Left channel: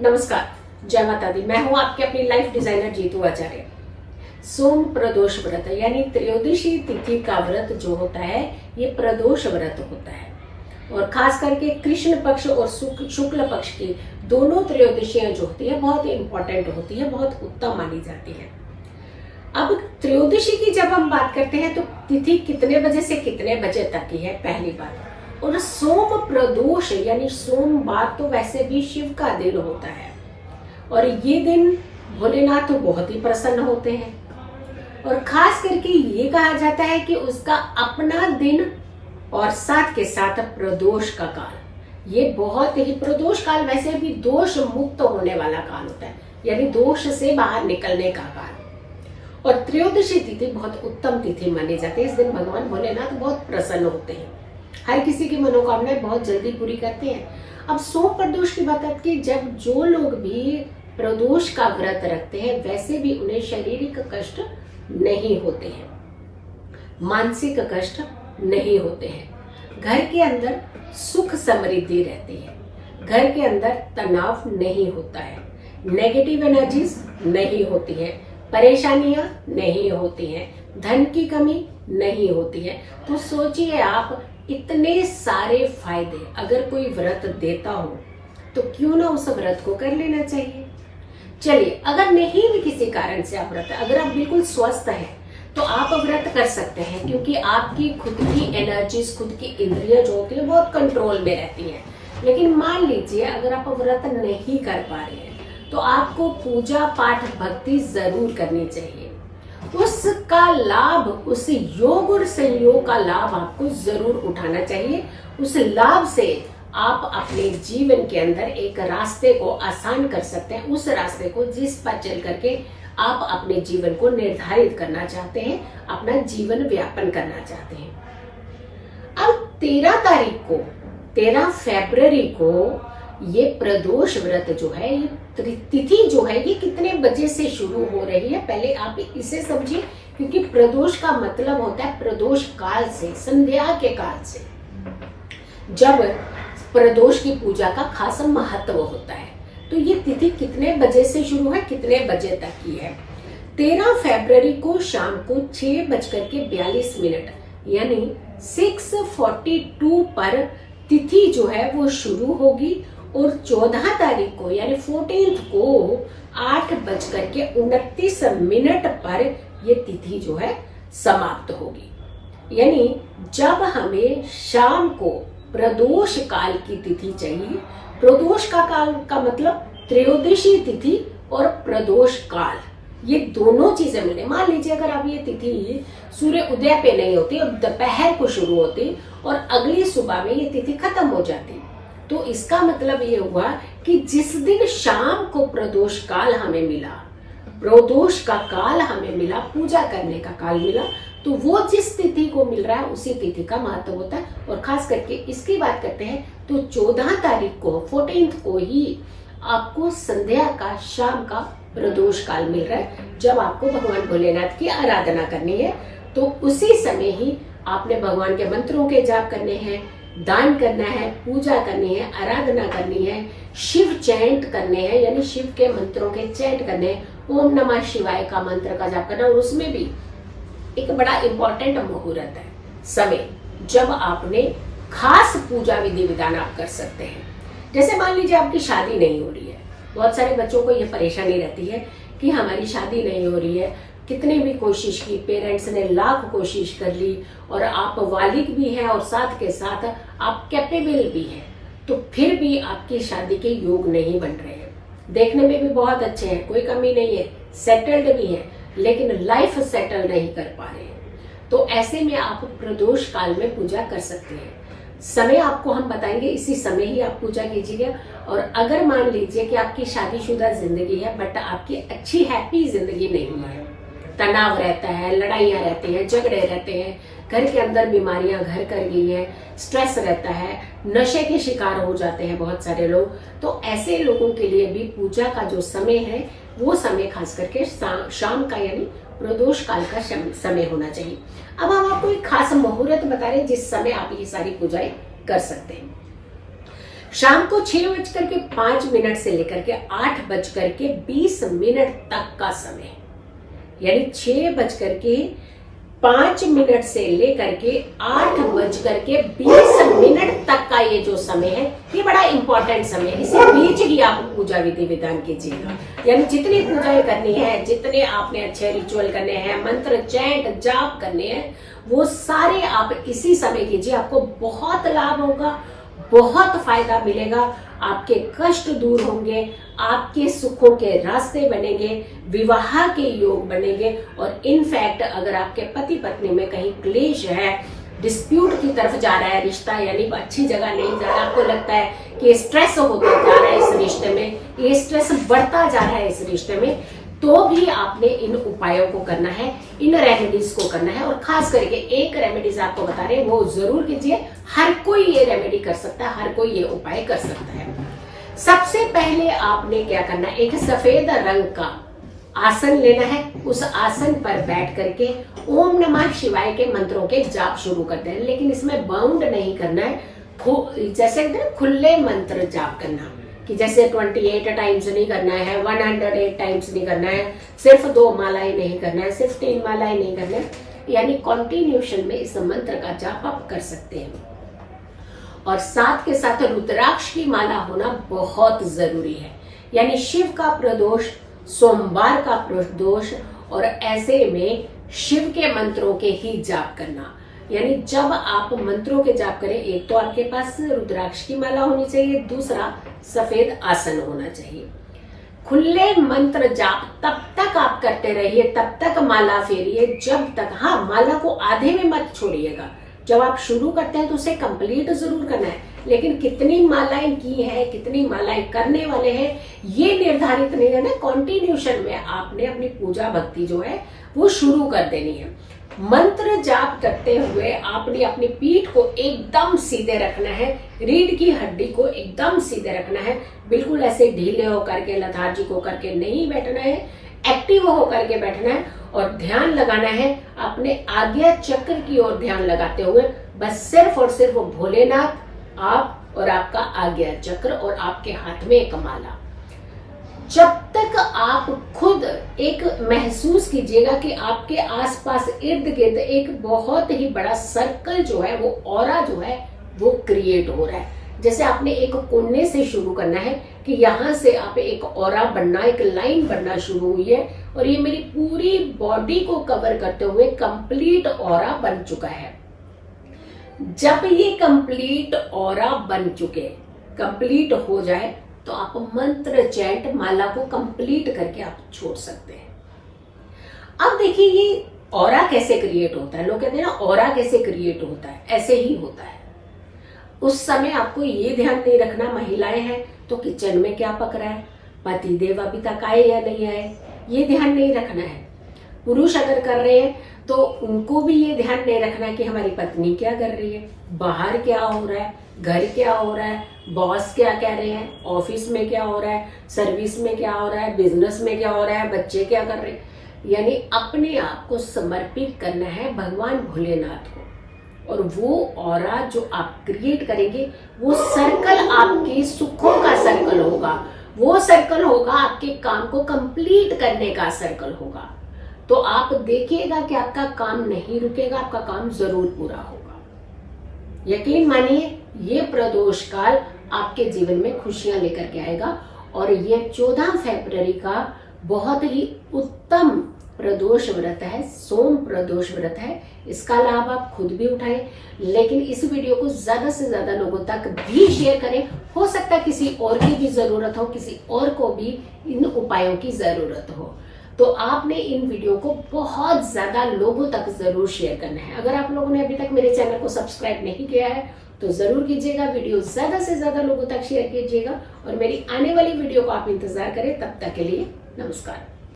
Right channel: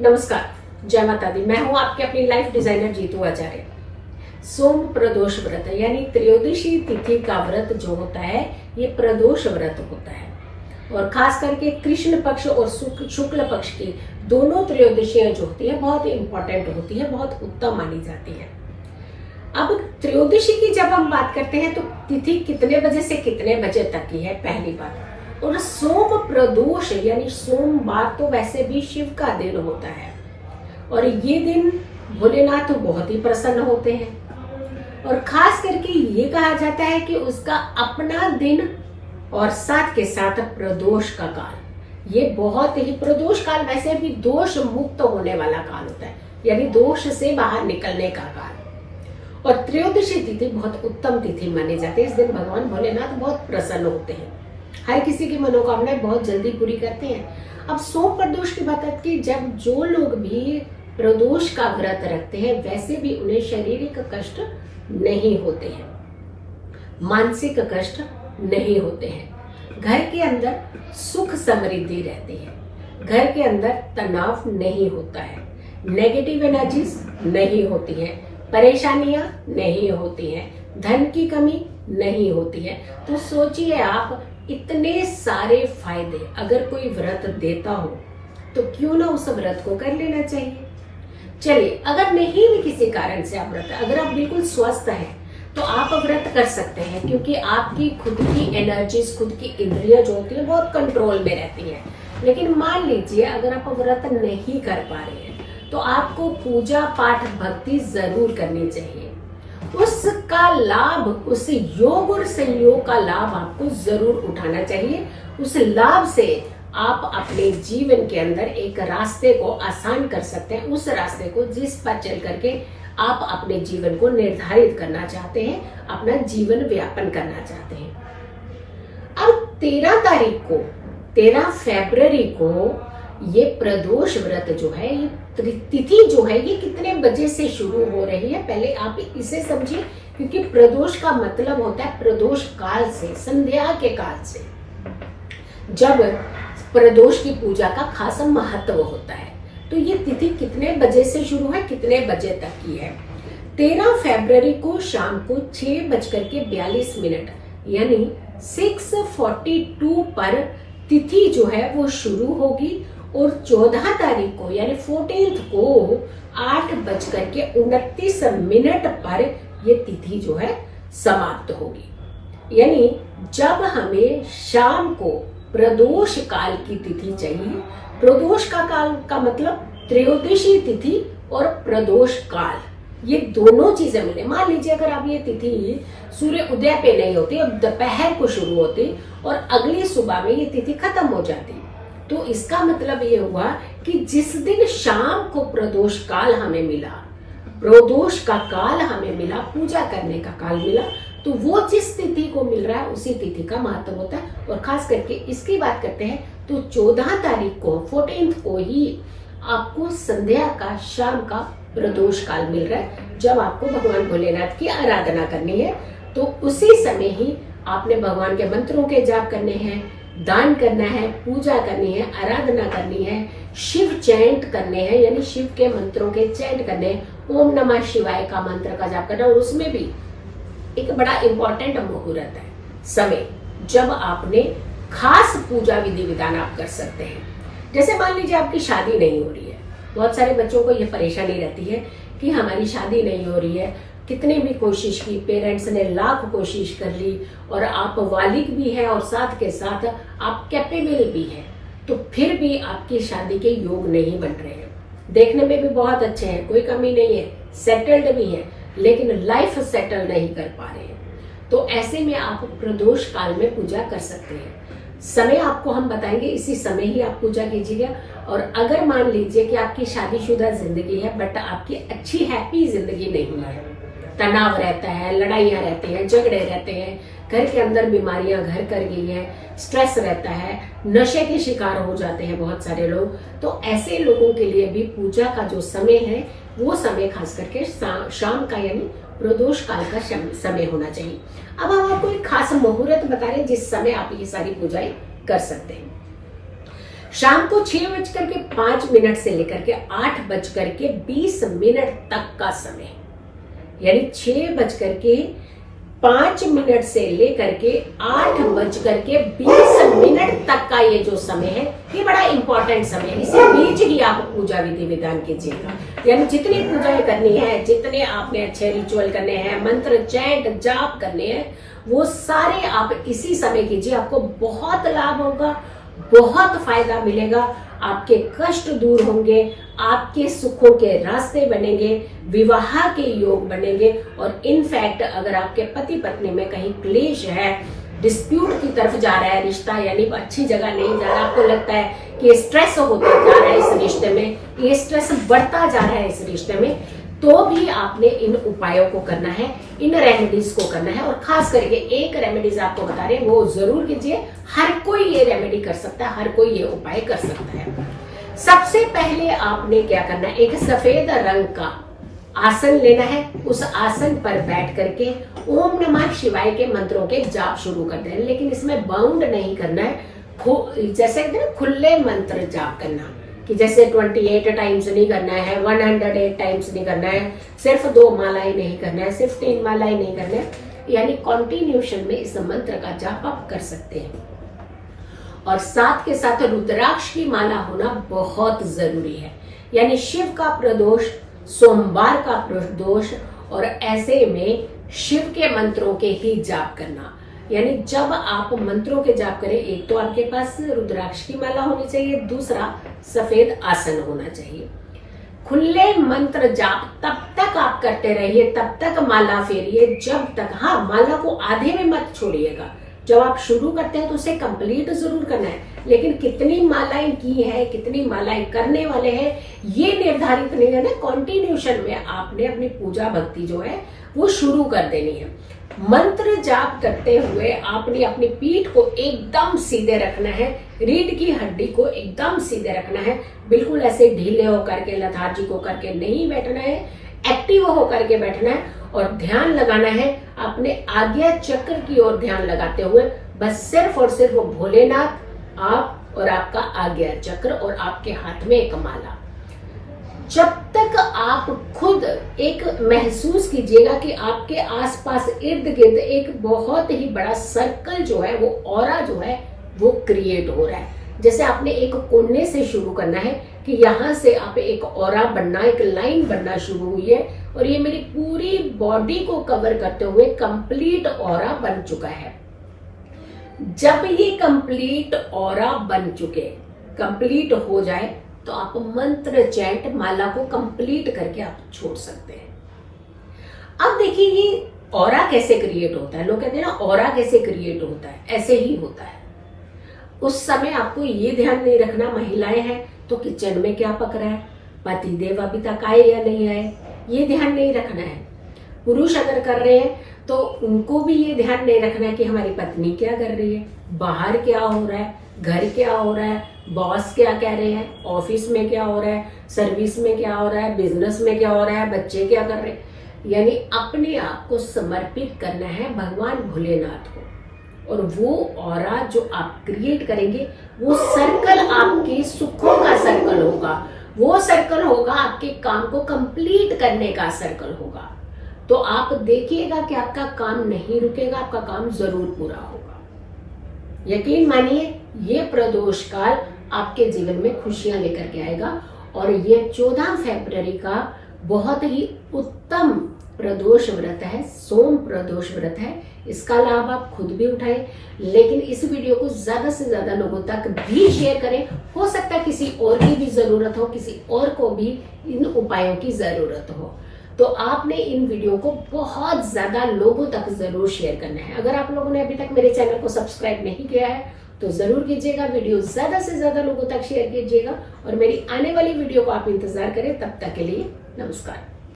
नमस्कार, जय माता दी। मैं हूं आपके अपनी लाइफ डिजाइनर जीतू आचार्य। सोम प्रदोष व्रत यानी त्रयोदशी तिथि का व्रत जो होता है ये प्रदोष व्रत होता है और खास करके कृष्ण पक्ष और शुक्ल पक्ष की दोनों त्रयोदशियां जो होती है बहुत इंपॉर्टेंट होती है, बहुत उत्तम मानी जाती है। अब त्रयोदशी की जब हम बात करते हैं तो तिथि कितने बजे से कितने बजे तक की है, पहली बात। और सोम प्रदोष यानी सोमवार तो वैसे भी शिव का दिन होता है और ये दिन भोलेनाथ तो बहुत ही प्रसन्न होते हैं और खास करके ये कहा जाता है कि उसका अपना दिन और साथ के साथ प्रदोष का काल, ये बहुत ही प्रदोष काल वैसे भी दोष मुक्त होने वाला काल होता है, यानी दोष से बाहर निकलने का काल। और त्रयोदशी तिथि बहुत उत्तम तिथि मानी जाती है। इस दिन भगवान भोलेनाथ बहुत प्रसन्न होते हैं, हर किसी की मनोकामनाएं बहुत जल्दी पूरी करते हैं। अब सोम प्रदोष की बात की, जब जो लोग भी प्रदोष का व्रत रखते हैं वैसे भी उन्हें शारीरिक कष्ट नहीं होते हैं, मानसिक कष्ट नहीं होते हैं, घर के अंदर सुख समृद्धि रहती है, घर के अंदर तनाव नहीं होता है, नेगेटिव एनर्जीज नहीं होती है, परेशानियां नहीं होती हैं, धन की कमी नहीं होती है। तो सोचिए आप, इतने सारे फायदे अगर कोई व्रत देता हो तो क्यों ना उस व्रत को कर लेना चाहिए। चलिए, अगर नहीं भी किसी कारण से आप व्रत, अगर आप बिल्कुल स्वस्थ हैं तो आप व्रत कर सकते हैं, क्योंकि आपकी खुद की एनर्जीज, खुद की इंद्रियां जो होती है बहुत कंट्रोल में रहती हैं। लेकिन मान लीजिए अगर आप व्रत नहीं कर पा रहे हैं तो आपको पूजा पाठ भक्ति जरूर करनी चाहिए। उसका लाभ, उस योग और संयोग का लाभ आपको जरूर उठाना चाहिए। उस लाभ से आप अपने जीवन के अंदर एक रास्ते को आसान कर सकते हैं, उस रास्ते को जिस पर चल करके आप अपने जीवन को निर्धारित करना चाहते हैं, अपना जीवन व्यापन करना चाहते हैं। अब 13 फरवरी को ये प्रदोष व्रत जो है, ये तिथि जो है, ये कितने बजे से शुरू हो रही है, पहले आप इसे समझिए। क्योंकि प्रदोष का मतलब होता है प्रदोष काल से, संध्या के काल से, जब प्रदोष की पूजा का खासा महत्व होता है। तो ये तिथि कितने बजे से शुरू है, कितने बजे तक की है? 13 फरवरी को शाम को 6:42 यानी 6:42 पर तिथि जो है वो शुरू होगी और 14 तारीख को यानी 14th को 8:29 पर ये तिथि जो है समाप्त होगी। यानी जब हमें शाम को प्रदोष काल की तिथि चाहिए, प्रदोष का काल का मतलब त्रयोदशी तिथि और प्रदोष काल, ये दोनों चीजें मिले। मान लीजिए अगर अब ये तिथि सूर्य उदय पे नहीं होती और दोपहर को शुरू होती और अगली सुबह में ये तिथि खत्म हो जाती, तो इसका मतलब ये हुआ कि जिस दिन शाम को प्रदोष काल हमें मिला, प्रदोष का काल हमें मिला, पूजा करने का काल मिला, तो वो जिस तिथि को मिल रहा है उसी तिथि का महत्व होता है। और खास करके इसकी बात करते हैं तो 14 तारीख को 14th को ही आपको संध्या का, शाम का प्रदोष काल मिल रहा है, जब आपको भगवान भोलेनाथ की आराधना करनी है। तो उसी समय ही आपने भगवान के मंत्रों के जाप करने हैं, दान करना है, पूजा करनी है, आराधना करनी है, शिव चैंट करने हैं, यानी शिव के मंत्रों के चैंट करने हैं, ओम नमः शिवाय का मंत्र का जाप करना। और उसमें भी एक बड़ा इंपॉर्टेंट मुहूर्त है, समय, जब आपने खास पूजा विधि विधान आप कर सकते हैं। जैसे मान लीजिए आपकी शादी नहीं हो रही है, बहुत सारे बच्चों को यह परेशानी रहती है कि हमारी शादी नहीं हो रही है, कितने भी कोशिश की, पेरेंट्स ने लाख कोशिश कर ली और आप वालिद भी हैं और साथ के साथ आप कैपेबल भी हैं, तो फिर भी आपकी शादी के योग नहीं बन रहे हैं। देखने में भी बहुत अच्छे हैं, कोई कमी नहीं है, सेटल्ड भी है, लेकिन लाइफ सेटल नहीं कर पा रहे हैं। तो ऐसे में आप प्रदोष काल में पूजा कर सकते हैं। समय आपको हम बताएंगे, इसी समय ही आप पूजा कीजिएगा। और अगर मान लीजिए कि आपकी शादीशुदा जिंदगी है बट आपकी अच्छी हैप्पी जिंदगी नहीं है, तनाव रहता है, लड़ाइयां रहती हैं, झगड़े रहते हैं, घर के अंदर बीमारियां घर कर गई हैं, स्ट्रेस रहता है, नशे के शिकार हो जाते हैं बहुत सारे लोग, तो ऐसे लोगों के लिए भी पूजा का जो समय है वो समय खास करके शाम का यानी प्रदोष काल का समय होना चाहिए। अब हम आपको एक खास मुहूर्त बता रहे हैं जिस समय आप ये सारी पूजाएं कर सकते हैं। शाम को 6:05 से लेकर के 8:20 तक का समय, यानी 6:05 से लेकर के 8:20 तक का ये जो समय है, ये बड़ा इंपॉर्टेंट समय है। इसी बीच ही आप पूजा विधि विधान कीजिएगा, यानी जितनी पूजाएं करनी है, जितने आपने अच्छे रिचुअल करने हैं, मंत्र चैंट जाप करने हैं, वो सारे आप इसी समय कीजिए। आपको बहुत लाभ होगा, बहुत फायदा मिलेगा, आपके कष्ट दूर होंगे, आपके सुखों के रास्ते बनेंगे, विवाह के योग बनेंगे। और इनफैक्ट अगर आपके पति पत्नी में कहीं क्लेश है, डिस्प्यूट की तरफ जा रहा है रिश्ता, यानी अच्छी जगह नहीं जा रहा, आपको लगता है कि स्ट्रेस होता जा रहा है इस रिश्ते में, ये स्ट्रेस बढ़ता जा रहा है इस रिश्ते में, तो भी आपने इन उपायों को करना है, इन रेमेडीज को करना है। और खास करके एक रेमेडीज आपको बता रहे हैं, वो जरूर कीजिए। हर कोई ये रेमेडी कर सकता है, हर कोई ये उपाय कर सकता है। सबसे पहले आपने क्या करना है, एक सफेद रंग का आसन लेना है। उस आसन पर बैठ करके ओम नमः शिवाय के मंत्रों के जाप शुरू करते हैं, लेकिन इसमें बाउंड नहीं करना है, जैसे कहते हैं खुले मंत्र जाप करना, कि जैसे 28 टाइम्स नहीं करना है, 108 टाइम्स नहीं करना है, सिर्फ 2 मालाएं नहीं करना है, सिर्फ 3 मालाएं नहीं करना है, यानी कॉन्टिन्यूशन में इस मंत्र का जाप आप कर सकते हैं। और साथ के साथ रुद्राक्ष की माला होना बहुत जरूरी है, यानी शिव का प्रदोष, सोमवार का प्रदोष, और ऐसे में शिव के मंत्रों के ही जाप करना। यानी जब आप मंत्रों के जाप करें, एक तो आपके पास रुद्राक्ष की माला होनी चाहिए, दूसरा सफेद आसन होना चाहिए। खुले मंत्र जाप तब तक आप करते रहिए, तब तक माला फेरिए जब तक, हाँ माला को आधे में मत छोड़िएगा। जब आप शुरू करते हैं तो उसे कंप्लीट जरूर करना है, लेकिन कितनी मालाएं की है, कितनी मालाएं करने वाले हैं, ये निर्धारित नहीं करना। कॉन्टिन्यूशन में आपने अपनी पूजा भक्ति जो है वो शुरू कर देनी है। मंत्र जाप करते हुए आपने अपनी पीठ को एकदम सीधे रखना है, रीढ़ की हड्डी को एकदम सीधे रखना है, बिल्कुल ऐसे ढीले होकर के, लथार्जिक होकर के नहीं बैठना है, एक्टिव होकर के बैठना है। और ध्यान लगाना है अपने आज्ञा चक्र की ओर ध्यान लगाते हुए, बस सिर्फ और सिर्फ भोलेनाथ, आप और आपका आज्ञा चक्र, और आपके हाथ में एक माला। जब तक आप खुद एक महसूस कीजिएगा कि आपके आसपास इर्द गिर्द एक बहुत ही बड़ा सर्कल जो है, वो ऑरा जो है वो क्रिएट हो रहा है। जैसे आपने एक कोने से शुरू करना है कि यहां से आप एक ऑरा बनना, एक लाइन बनना शुरू हुई है, और ये मेरी पूरी बॉडी को कवर करते हुए कंप्लीट ऑरा बन चुका है। जब ये कंप्लीट ऑरा बन चुके, कंप्लीट हो जाए, तो आप मंत्र चैंट माला को कंप्लीट करके आप छोड़ सकते हैं। अब देखिए ये ऑरा कैसे क्रिएट होता है। लोग कहते हैं ना ऑरा कैसे क्रिएट होता है, ऐसे ही होता है। उस समय आपको ये ध्यान नहीं रखना, महिलाएं हैं तो किचन में क्या पक रहा है, पति देव अभी तक आए या नहीं आए, ये ध्यान नहीं रखना है। पुरुष अगर कर रहे हैं तो उनको भी ये ध्यान नहीं रखना है कि हमारी पत्नी क्या कर रही है, बाहर क्या हो रहा है, घर क्या हो रहा है, बॉस क्या कह रहे हैं, ऑफिस में क्या हो रहा है, सर्विस में क्या हो रहा है, बिजनेस में क्या हो रहा है, बच्चे क्या कर रहे हैं। यानी अपने आप को समर्पित करना है भगवान भोलेनाथ को, और वो ऑरा जो आप क्रिएट करेंगे, वो सर्कल आपके सुखों का सर्कल होगा, वो सर्कल होगा आपके काम को कंप्लीट करने का सर्कल होगा। तो आप देखिएगा कि आपका काम नहीं रुकेगा, आपका काम जरूर पूरा होगा। यकीन मानिए ये प्रदोष काल आपके जीवन में खुशियां लेकर के आएगा। और ये 14 फरवरी का बहुत ही उत्तम प्रदोष व्रत है, सोम प्रदोष व्रत है। इसका लाभ आप खुद भी उठाएं, लेकिन इस वीडियो को ज्यादा से ज्यादा लोगों तक भी शेयर करें। हो सकता है किसी और की भी जरूरत हो, किसी और को भी इन उपायों की जरूरत हो, तो आपने इन वीडियो को बहुत ज्यादा लोगों तक जरूर शेयर करना है। अगर आप लोगों ने अभी तक मेरे चैनल को सब्सक्राइब नहीं किया है तो जरूर कीजिएगा, वीडियो ज्यादा से ज्यादा लोगों तक शेयर कीजिएगा, और मेरी आने वाली वीडियो को आप इंतजार करें। तब तक के लिए नमस्कार।